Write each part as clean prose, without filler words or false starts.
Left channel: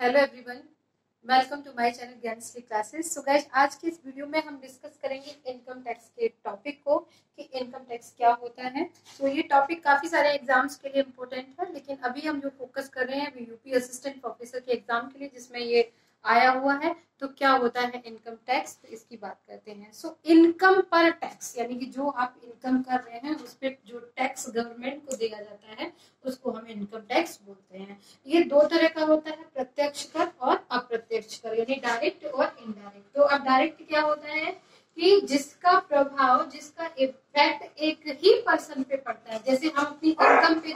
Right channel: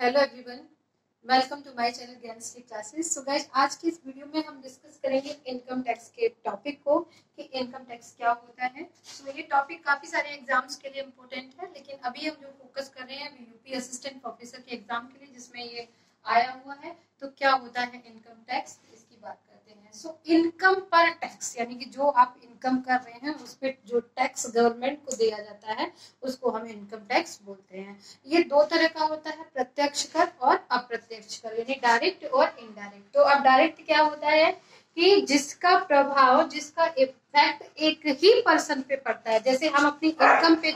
Hello everyone, welcome to my channel Gyanshree Classes. So guys, आज की इस वीडियो में हम डिस्कस करेंगे इनकम टैक्स के टॉपिक को कि इनकम टैक्स क्या होता है। सो ये टॉपिक काफी सारे एग्जाम्स के लिए इम्पोर्टेंट है, लेकिन अभी हम जो फोकस कर रहे हैं यूपी असिस्टेंट प्रोफेसर के एग्जाम के लिए, जिसमें ये आया हुआ है। तो क्या होता है इनकम टैक्स, इसकी बात करते हैं। सो इनकम पर टैक्स यानी कि जो आप इनकम कर रहे हैं उस पर जो टैक्स गवर्नमेंट को दिया जाता है उसको हम इनकम टैक्स बोलते हैं। ये दो तरह का होता है, प्रत्यक्ष कर और अप्रत्यक्ष कर, यानी डायरेक्ट और इनडायरेक्ट। तो अब डायरेक्ट क्या होता है कि जिसका प्रभाव, जिसका इफेक्ट एक ही पर्सन पे पड़ता है। जैसे हम अपनी इनकम पे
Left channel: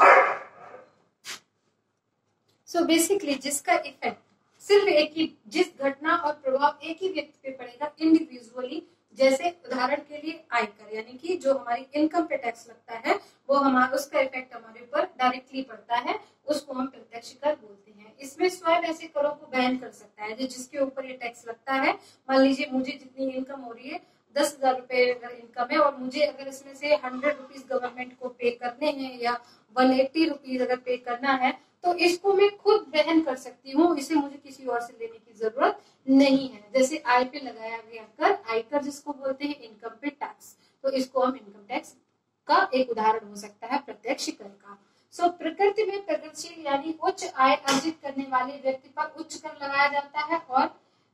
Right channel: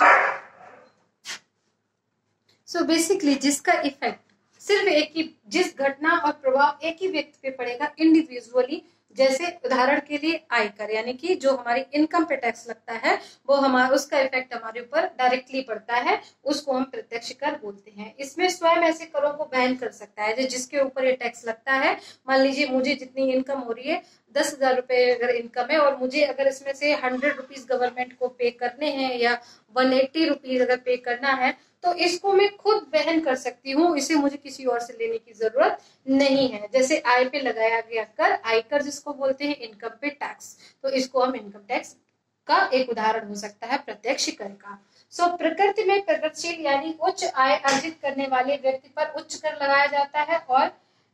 सो बेसिकली जिसका इफेक्ट सिर्फ एक ही, जिस घटना और प्रभाव एक ही व्यक्ति पे पड़ेगा इंडिविजुअली। जैसे उदाहरण के लिए आयकर, यानी कि जो हमारी इनकम पे टैक्स लगता है वो हमारा, उसका इफेक्ट हमारे ऊपर डायरेक्टली पड़ता है, उसको हम प्रत्यक्ष कर बोलते हैं। इसमें स्वयं ऐसे करों को वहन कर सकता है जिसके ऊपर ये टैक्स लगता है। मान लीजिए मुझे जितनी इनकम हो रही है, 10,000 रुपए अगर इनकम है और मुझे अगर इसमें से 100 रुपीज गवर्नमेंट को पे करने हैं या 180 रुपीज अगर पे करना है, तो इसको मैं खुद वहन कर सकती हूँ, इसे मुझे किसी और से लेने की जरूरत नहीं है। जैसे आय पे लगाया गया कर, आयकर जिसको बोलते हैं इनकम पे टैक्स, तो इसको हम इनकम टैक्स का एक उदाहरण हो सकता है प्रत्यक्ष कर का। सो प्रकृति में प्रगतिशील यानी उच्च आय अर्जित करने वाले व्यक्ति पर उच्च कर लगाया जाता है, और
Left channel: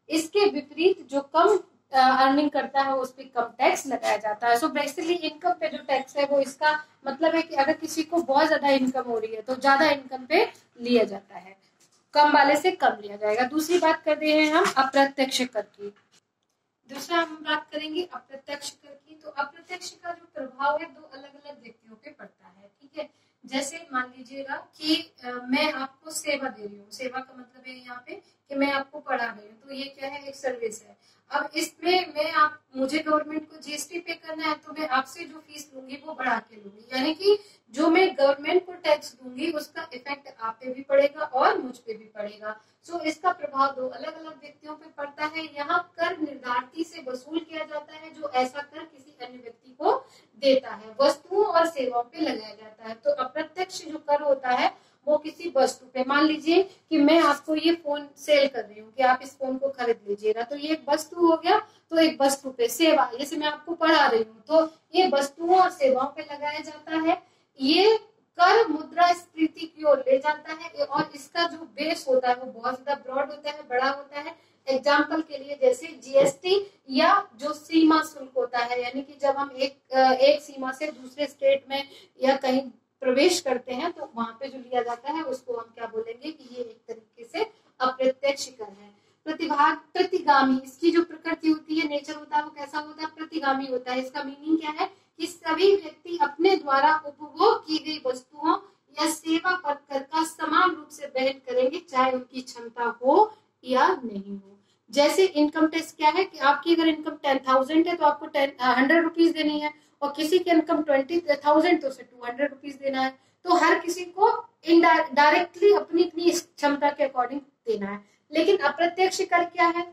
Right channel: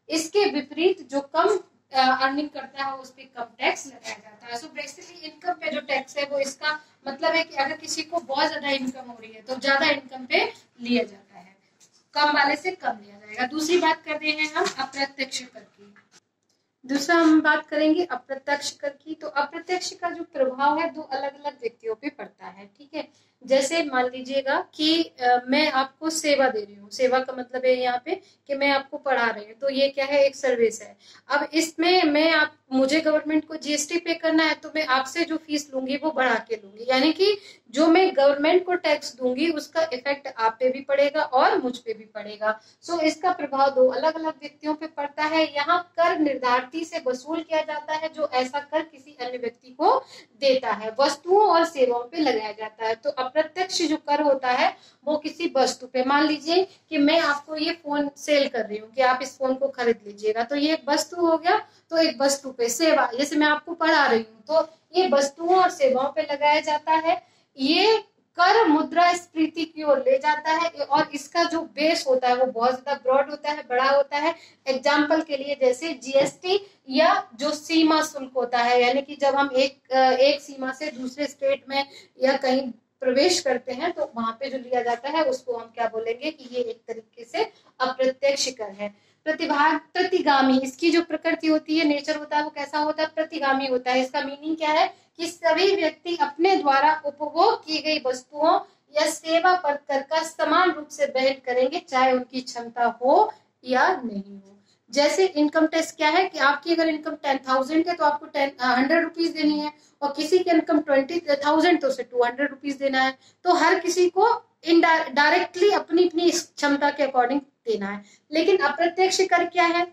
इसके विपरीत जो कम अर्निंग करता है उस पर कम टैक्स लगाया जाता है। सो बेसिकली इनकम पे जो टैक्स है वो, इसका मतलब है कि अगर किसी को बहुत ज्यादा इनकम हो रही है तो ज्यादा इनकम पे लिया जाता है, कम वाले से कम लिया जाएगा। दूसरी बात करते हैं हम अप्रत्यक्ष कर की। दूसरा हम बात करेंगे अप्रत्यक्ष कर की। तो अप्रत्यक्ष का जो प्रभाव है दो अलग अलग व्यक्तियों पे पड़ता है, ठीक है। जैसे मान लीजिएगा कि मैं आपको सेवा दे रही हूँ। सेवा का मतलब है यहाँ पे कि मैं आपको पढ़ा रही हूँ, तो ये क्या है, एक सर्विस है। अब इसमें मुझे गवर्नमेंट को जीएसटी पे करना है, तो मैं आपसे जो फीस लूंगी वो बढ़ा के लूंगी, यानी कि जो मैं गवर्नमेंट को टैक्स दूंगी उसका इफेक्ट आप पे भी पड़ेगा और मुझ पे भी पड़ेगा। सो इसका प्रभाव दो अलग अलग व्यक्तियों पे पड़ता है। यहाँ कर निर्धारती से वसूल किया जाता है, जो ऐसा कर किसी अन्य व्यक्ति को देता है। वस्तुओं और सेवाओं पे लगाया जाता है। तो अप्रत्यक्ष जो कर होता है वो किसी वस्तु पे, मान लीजिए कि मैं आपको ये फोन सेल कर रही हूँ कि आप इस फोन को खरीद लीजिएगा, तो ये एक वस्तु हो गया। तो एक वस्तु पे सेवा, जैसे मैं आपको पढ़ा रही हूँ, तो ये वस्तुओं और सेवाओं पे लगाया जाता है। ये कर मुद्रास्फीति की ओर ले जाता है, और इसका जो बेस होता है वो बहुत ज्यादा ब्रॉड होता है, बड़ा होता है। एग्जाम्पल के लिए जैसे जीएसटी या जो सीमा शुल्क होता है, यानी कि जब हम एक सीमा से दूसरे स्टेट में या कहीं प्रवेश करते हैं तो वहां पे जो लिया जाता है उसको हम क्या बोलेंगे कि ये एक तरीके से अप्रत्यक्ष कर है। प्रतिगामी, इसकी जो प्रकृति होती है, नेचर होता है, वो कैसा होता है, प्रतिगामी होता है। इसका मीनिंग क्या है कि सभी व्यक्ति अपने द्वारा उपभोग की गई वस्तुओं या सेवा पर कर का समान रूप से वहन करेंगे, चाहे उनकी क्षमता हो या नहीं हो। जैसे इनकम टैक्स क्या है कि आपकी अगर इनकम 10,000 है तो आपको 100 रुपीज देनी है, और किसी की इनकम 20,000 तो उसे 200 रुपीज देना है। तो हर किसी को डायरेक्टली अपनी अपनी क्षमता के अकॉर्डिंग देना है। लेकिन अप्रत्यक्ष कर क्या है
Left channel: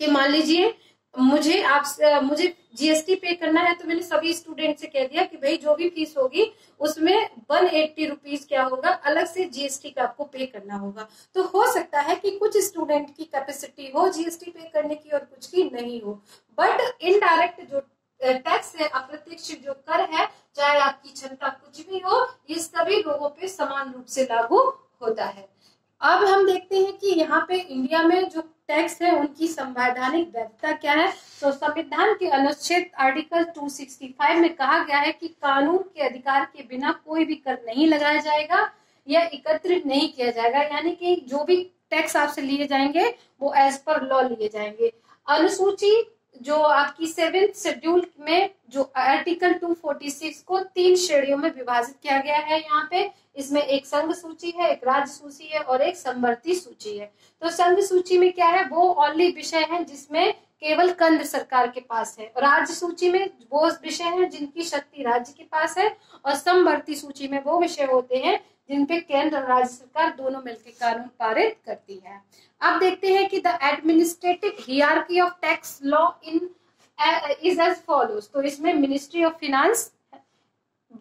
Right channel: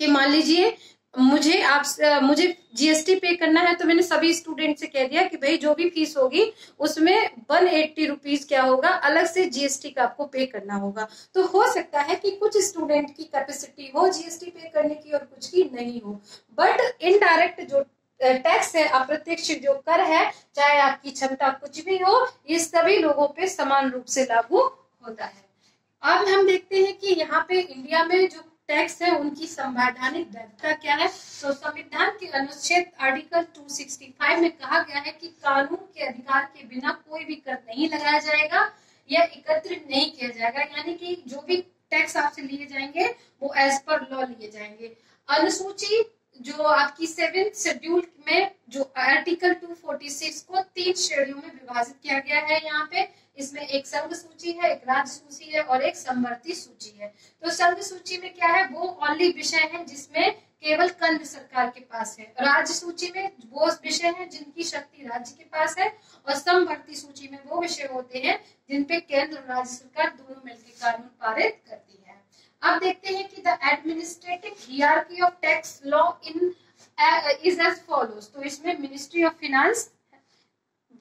कि मान लीजिए मुझे जीएसटी पे करना है, तो मैंने सभी स्टूडेंट से कह दिया कि भाई जो भी फीस होगी उसमें 180 रुपीज क्या होगा, अलग से जीएसटी का आपको पे करना होगा। तो हो सकता है कि कुछ स्टूडेंट की कैपेसिटी हो जीएसटी पे करने की और कुछ की नहीं हो, बट इनडायरेक्ट जो टैक्स है, अप्रत्यक्ष जो कर है, चाहे आपकी क्षमता कुछ भी हो, ये सभी लोगों पे समान रूप से लागू होता है। अब हम देखते हैं कि यहाँ पे इंडिया में जो टैक्स है उनकी संवैधानिक वैधता क्या है। तो संविधान के अनुच्छेद आर्टिकल 265 में कहा गया है कि कानून के अधिकार के बिना कोई भी कर नहीं लगाया जाएगा या एकत्रित नहीं किया जाएगा, यानी कि जो भी टैक्स आपसे लिए जाएंगे वो एज पर लॉ लिए जाएंगे। अनुसूची जो आपकी 7th शेड्यूल में जो आर्टिकल 246 को 3 श्रेणियों में विभाजित किया गया है। यहाँ पे इसमें एक संघ सूची है, एक राज्य सूची है और एक समवर्ती सूची है। तो संघ सूची में क्या है, वो ओनली विषय है जिसमें केवल केंद्र सरकार के पास है। राज्य सूची में वो विषय है जिनकी शक्ति राज्य के पास है, और समवर्ती सूची में वो विषय होते हैं जिन पे केंद्र और राज्य सरकार दोनों मिलकर कानून पारित करती है। अब देखते हैं कि the administrative hierarchy of tax law in is as follows. तो इसमें ministry of finance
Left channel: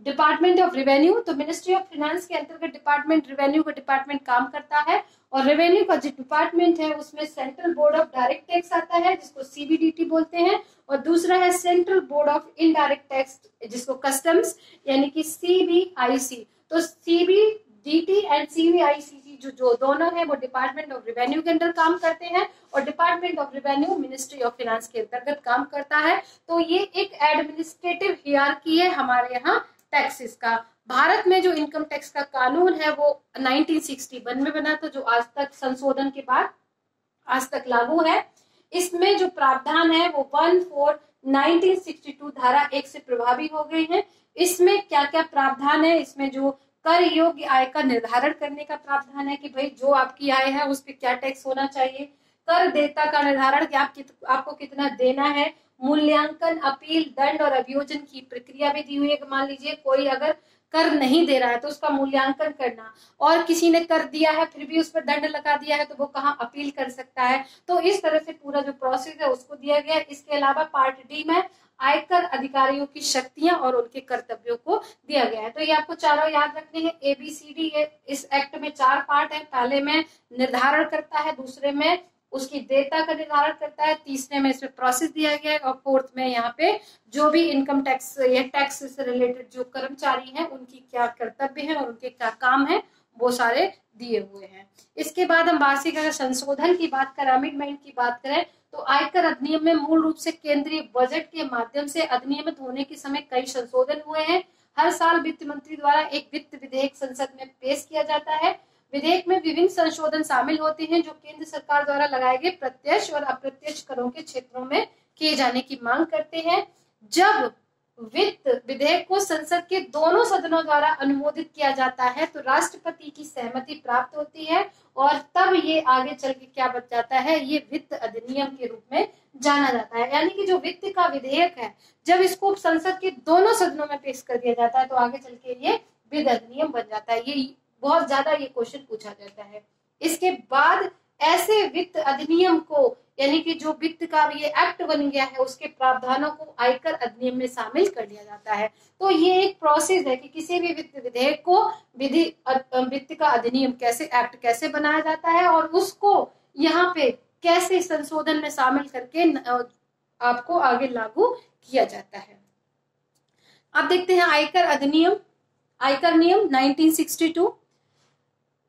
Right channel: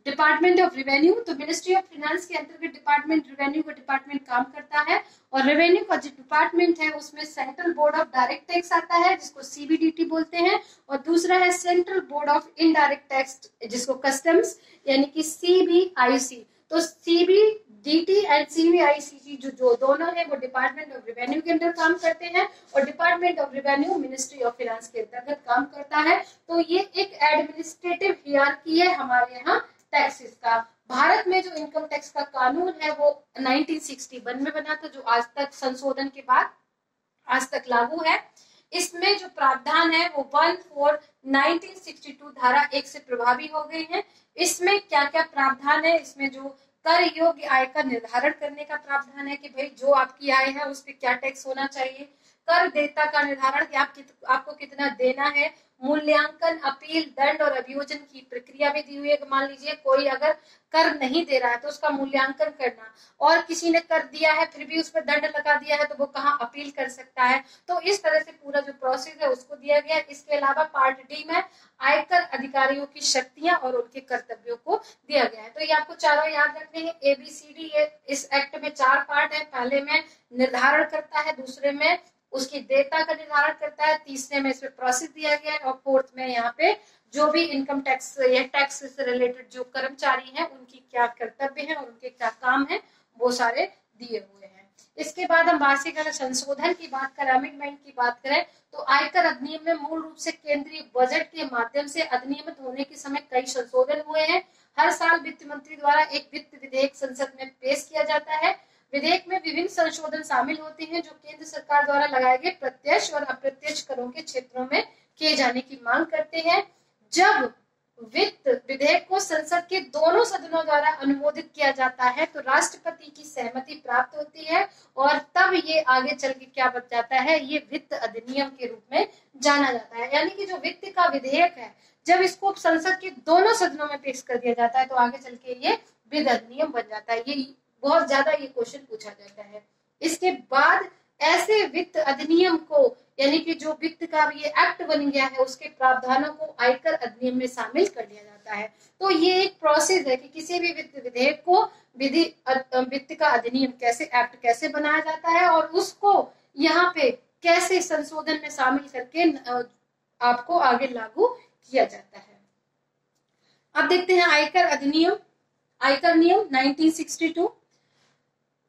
department of revenue, तो मिनिस्ट्री ऑफ फाइनेंस के अंतर्गत डिपार्टमेंट रेवेन्यू का डिपार्टमेंट काम करता है। और रेवेन्यू का जो डिपार्टमेंट है उसमें central board of direct tax आता है जिसको सीबीडीटी बोलते हैं, और दूसरा है central board of indirect tax जिसको कस्टम्स यानी कि सीबीआईसी। तो सीबीडीटी एंड सीबीआईसी जो दोनों है वो डिपार्टमेंट ऑफ रेवेन्यू के अंदर काम करते हैं, और department of revenue ministry of finance के अंतर्गत काम करता है। तो ये एक एडमिनिस्ट्रेटिव हियरार्की है हमारे यहाँ टैक्सेस का। भारत में जो इनकम टैक्स का कानून है वो 1961 में बना था, जो आज तक संशोधन के बाद आज तक लागू है। इसमें जो प्रावधान है वो 1/4/1962 धारा 1 से प्रभावी हो गए हैं। इसमें क्या क्या प्रावधान है, इसमें जो कर योग्य आय का निर्धारण करने का प्रावधान है कि भाई जो आपकी आय है उस पर क्या टैक्स होना चाहिए, कर देयता का निर्धारण कि आपको कितना देना है, मूल्यांकन, अपील, दंड और अभियोजन की प्रक्रिया भी दी हुई है। मान लीजिए कोई अगर कर नहीं दे रहा है तो उसका मूल्यांकन करना, और किसी ने कर दिया है फिर भी उस पर दंड लगा दिया है तो वो कहाँ अपील कर सकता है। तो इस तरह से पूरा जो प्रोसेस है उसको दिया गया है। इसके अलावा पार्ट डी में आयकर अधिकारियों की शक्तियां और उनके कर्तव्यों को दिया गया है। तो ये आपको चारों याद रखने हैं, ABCD है। इस एक्ट में 4 पार्ट है, पहले में निर्धारण करता है, दूसरे में उसकी देयता का निर्धारण करता है, तीसरे में इसमें प्रोसेस दिया गया है, और फोर्थ में यहाँ पे जो भी इनकम टैक्स या टैक्स से रिलेटेड जो कर्मचारी हैं उनकी क्या कर्तव्य है और उनके क्या काम है वो सारे दिए हुए हैं। इसके बाद हम वार्षिक अगर संशोधन की बात करें, अमेंडमेंट की बात करें, तो आयकर अधिनियम में मूल रूप से केंद्रीय बजट के माध्यम से अधिनियमित होने के समय कई संशोधन हुए हैं। हर साल वित्त मंत्री द्वारा एक वित्त विधेयक संसद में पेश किया जाता है। विधेयक में विभिन्न संशोधन शामिल होते हैं जो केंद्र सरकार द्वारा लगाए गए प्रत्यक्ष और अप्रत्यक्ष करों के क्षेत्रों में किए जाने की मांग करते हैं। जब वित्त विधेयक को संसद के दोनों सदनों द्वारा अनुमोदित किया जाता है तो राष्ट्रपति की सहमति प्राप्त होती है, और तब ये आगे चल के क्या बन जाता है, ये वित्त अधिनियम के रूप में जाना जाता है। यानी कि जो वित्त का विधेयक है जब इसको संसद के दोनों सदनों में पेश कर दिया जाता है तो आगे चल के ये वित्त अधिनियम बन जाता है। ये बहुत ज्यादा ये क्वेश्चन पूछा जाता है। इसके बाद ऐसे वित्त अधिनियम को यानी कि जो वित्त का ये एक्ट बन गया है उसके प्रावधानों को आयकर अधिनियम में शामिल कर लिया जाता है। तो ये एक प्रोसेस है कि किसी भी वित्त विधेयक को वित्त का अधिनियम कैसे एक्ट कैसे बनाया जाता है और उसको यहाँ पे कैसे संशोधन में शामिल करके आपको आगे लागू किया जाता है। अब देखते हैं आयकर अधिनियम, आयकर नियम 1962।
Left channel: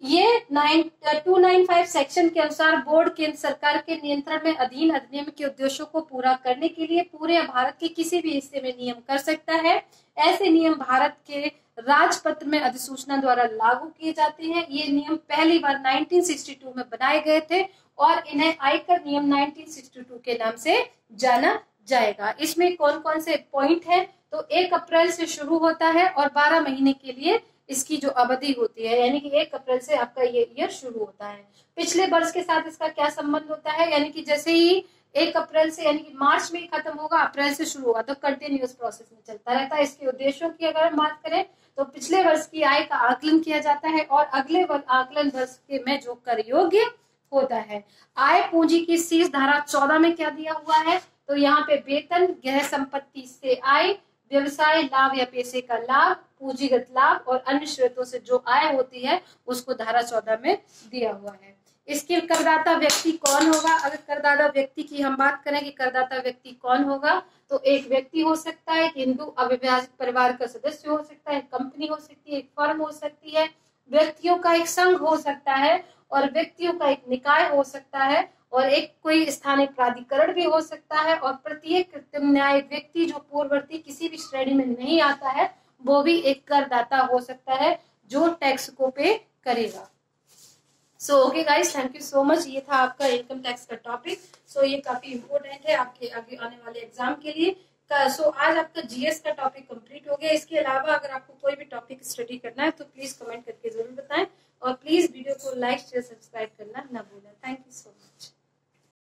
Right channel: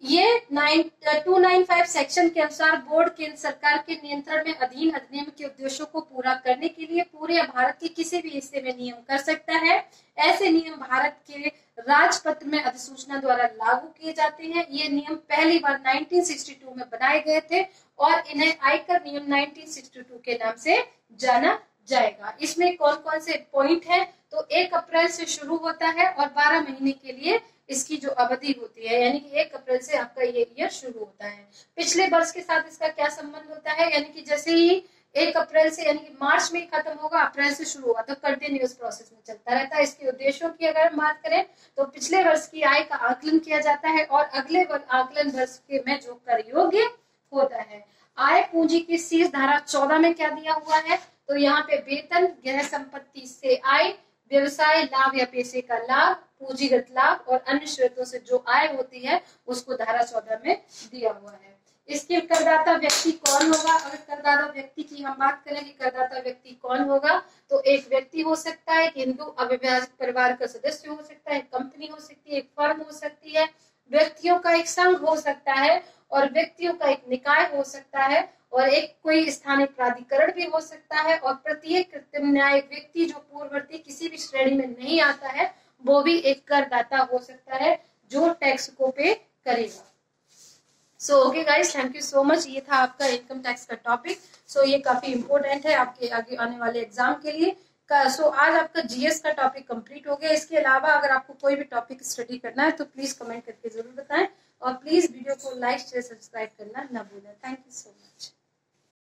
ये 295 सेक्शन के अनुसार बोर्ड केंद्र सरकार के नियंत्रण में अधीन अधिनियम के उद्देश्यों को पूरा करने के लिए पूरे भारत के किसी भी हिस्से में नियम कर सकता है। ऐसे नियम भारत के राजपत्र में अधिसूचना द्वारा लागू किए जाते हैं। ये नियम पहली बार 1962 में बनाए गए थे और इन्हें आयकर नियम 1962 के नाम से जाना जाएगा। इसमें कौन कौन से पॉइंट हैं, तो 1 अप्रैल से शुरू होता है और 12 महीने के लिए इसकी जो अवधि होती है, यानी कि 1 अप्रैल से आपका ये ईयर शुरू होता है। पिछले वर्ष के साथ इसका क्या संबंध होता है, यानी कि जैसे ही 1 अप्रैल से यानी कि मार्च में ही खत्म होगा, अप्रैल से शुरू होगा, तो कंटिन्यूअस प्रोसेस में चलता रहता है। इसके उद्देश्यों की अगर हम बात करें तो पिछले वर्ष की आय का आकलन किया जाता है और अगले आकलन वर्ष के में जो कर योग्य होता है। आय पूंजी की शीर्ष धारा 14 में क्या दिया हुआ है, तो यहाँ पे वेतन, गृह संपत्ति से आय, व्यवसाय लाभ या पैसे का लाभ, पूंजीगत लाभ और अन्य स्रोतों से जो आय होती है उसको धारा 14 में दिया हुआ है। इसके करदाता व्यक्ति कौन होगा, अगर करदाता व्यक्ति की हम बात करें कि करदाता व्यक्ति कौन होगा, तो एक व्यक्ति हो सकता है, एक हिंदू अविभाजित परिवार का सदस्य हो सकता है, कंपनी हो सकती है, एक फर्म हो सकती है, व्यक्तियों का एक संघ हो सकता है और व्यक्तियों का एक निकाय हो सकता है और एक कोई स्थानीय प्राधिकरण भी हो सकता है, और प्रत्येक कृत्रिम न्याय व्यक्ति जो पूर्ववर्ती किसी भी श्रेणी में नहीं आता है वो भी एक करदाता हो सकता है जो टैक्स को पे करेगा। So okay guys, thank you so much. ये था आपका इनकम टैक्स का टॉपिक। सो ये काफी इंपॉर्टेंट है आपके आगे आने वाले एग्जाम के लिए। सो आज आपका जीएस का टॉपिक कंप्लीट हो गया। इसके अलावा अगर आपको कोई भी टॉपिक स्टडी करना है तो प्लीज कमेंट करके जरूर बताएं और प्लीज वीडियो को लाइक शेयर सब्सक्राइब करना ना भूलें। Thank you so much.